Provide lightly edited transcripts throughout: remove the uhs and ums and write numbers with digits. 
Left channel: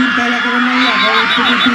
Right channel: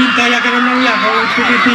Berita yang kena menang oleh PDP.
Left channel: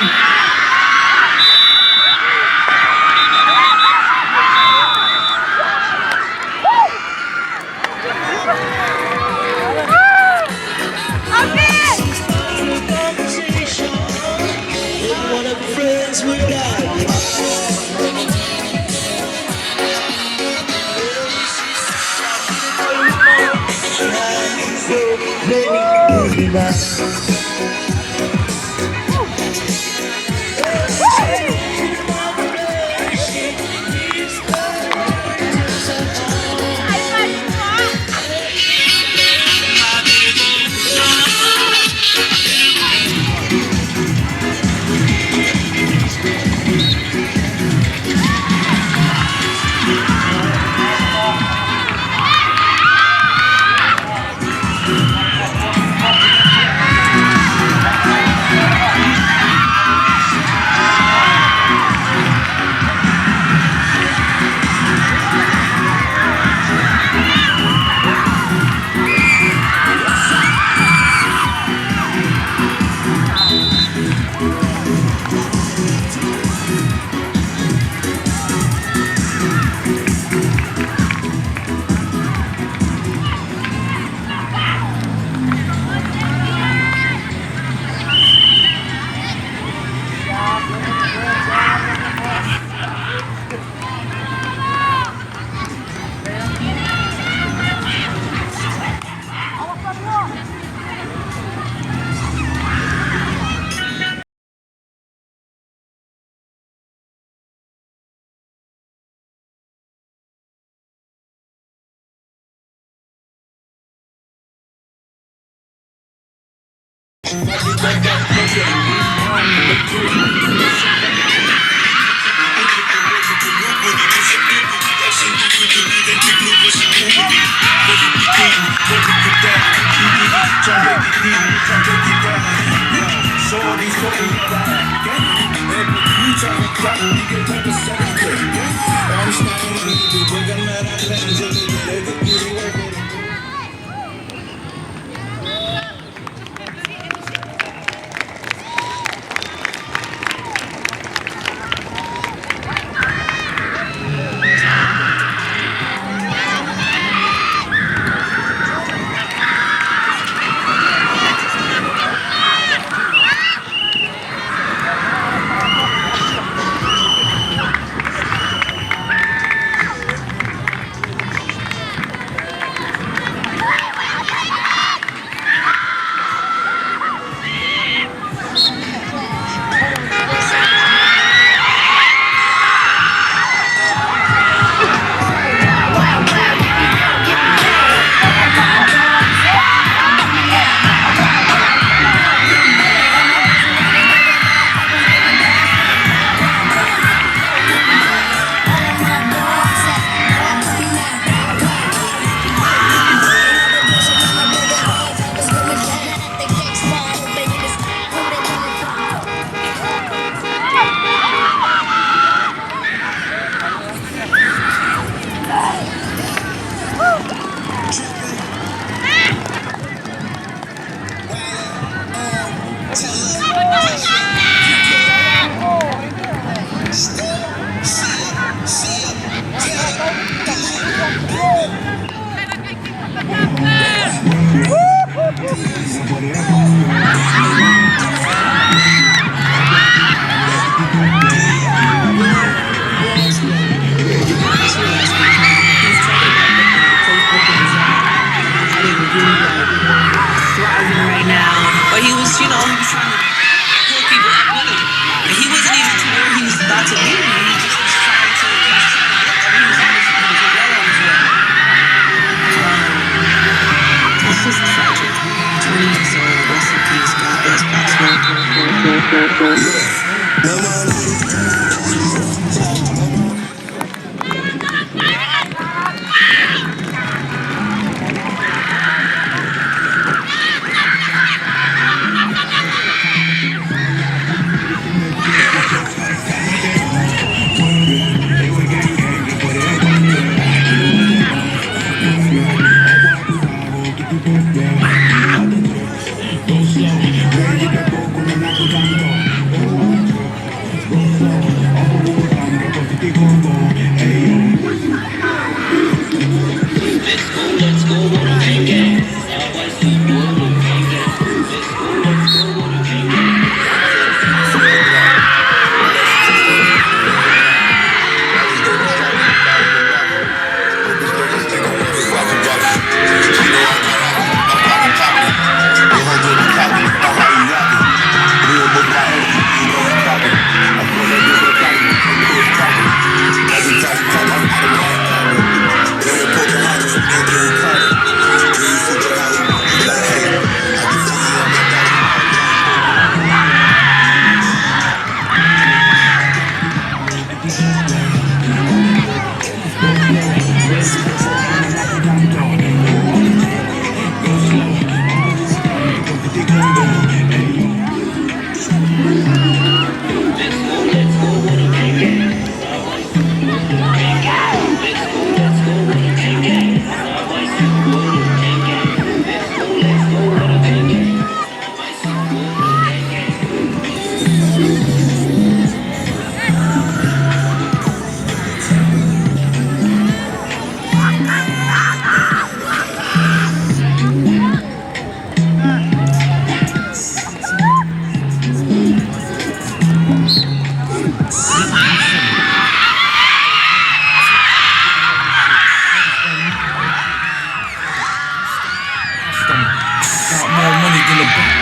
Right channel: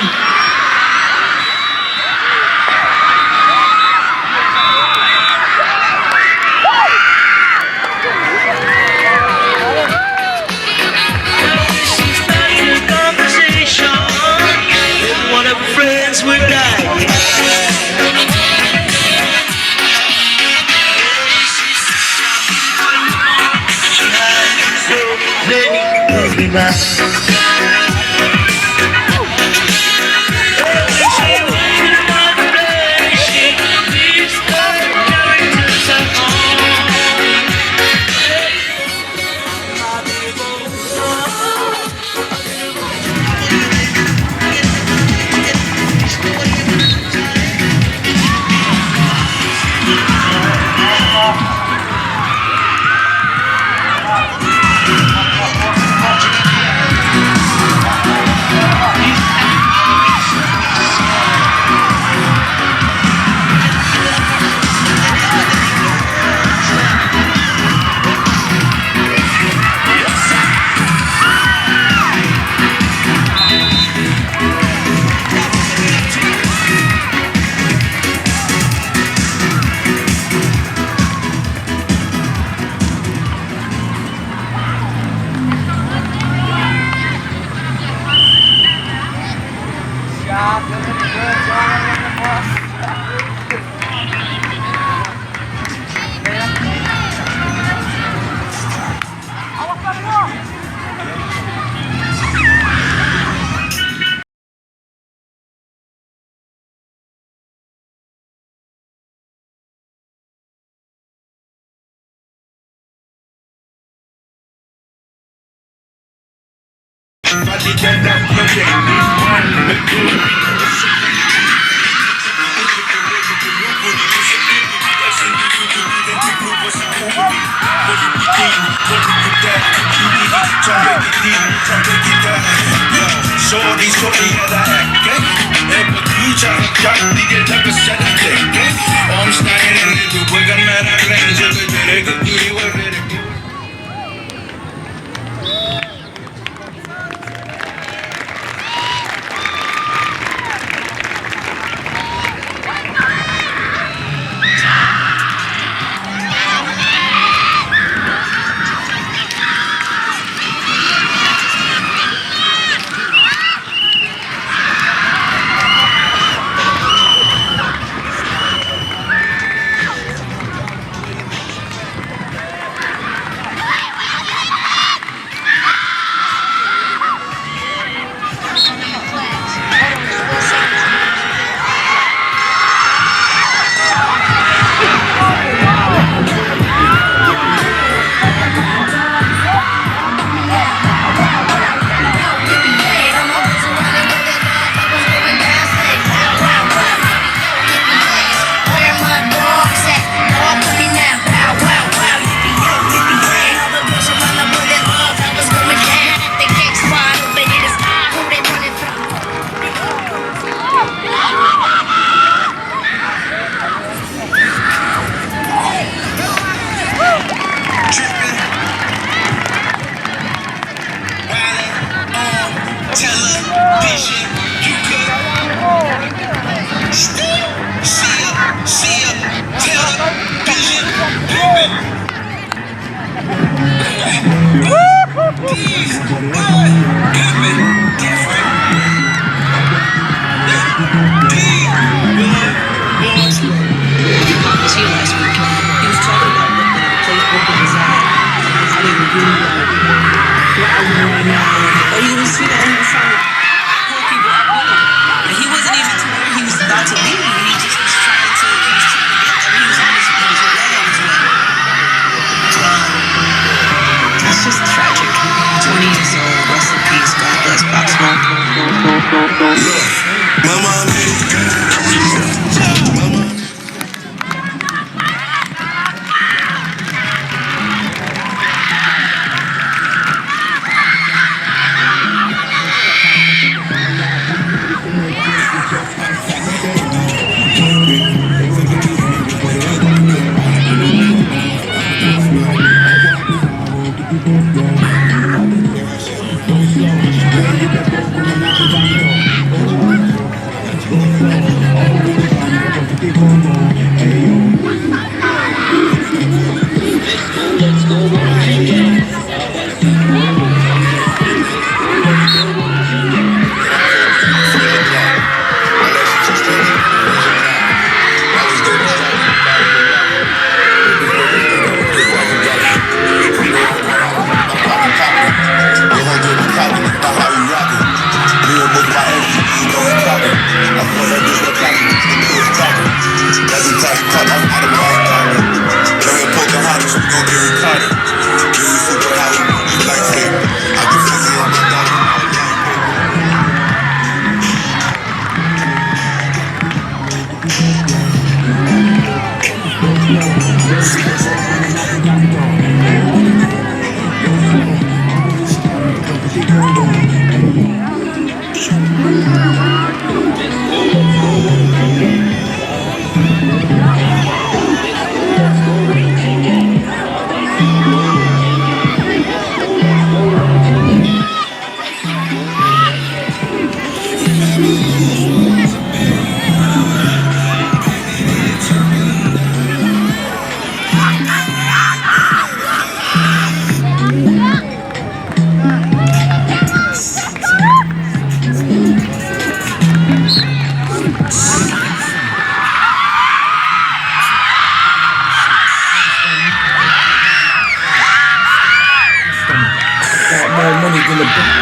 Got more money than the bank.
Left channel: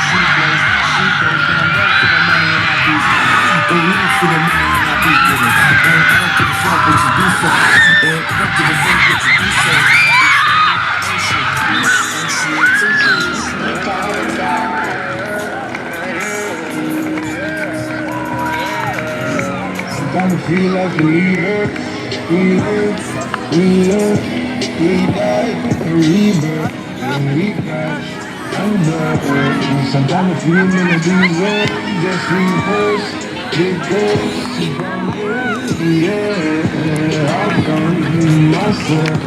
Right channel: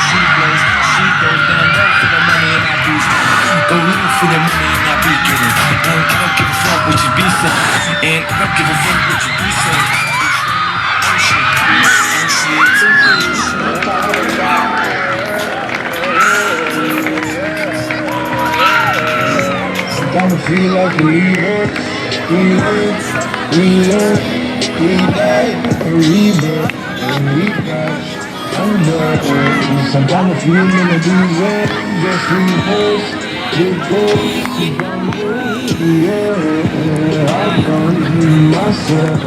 She blows, she goes down low for the money and I do. Go low for the money and I be getting. And I don't give a fuck what you be saying. And I don't give a fuck what you be saying. Sometimes I feel like a leader. We live, we learn, we die, a rebirth, and we crash under. Sometimes I feel melodies and just reverse. It goes, yeah, I can't myself.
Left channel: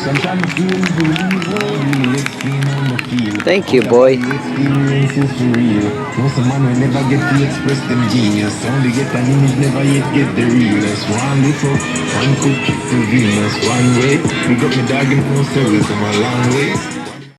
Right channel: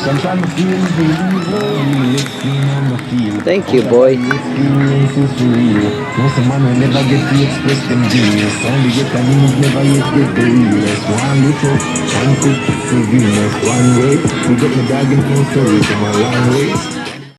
Sometimes I feel believer. Lifting on the field. Thank you, boy. Experience is real. Most of man will never get to express them genius. Only get an image, never yet get the realness. One little, one cook for Venus. One way, we got me dog in no stories from a long way.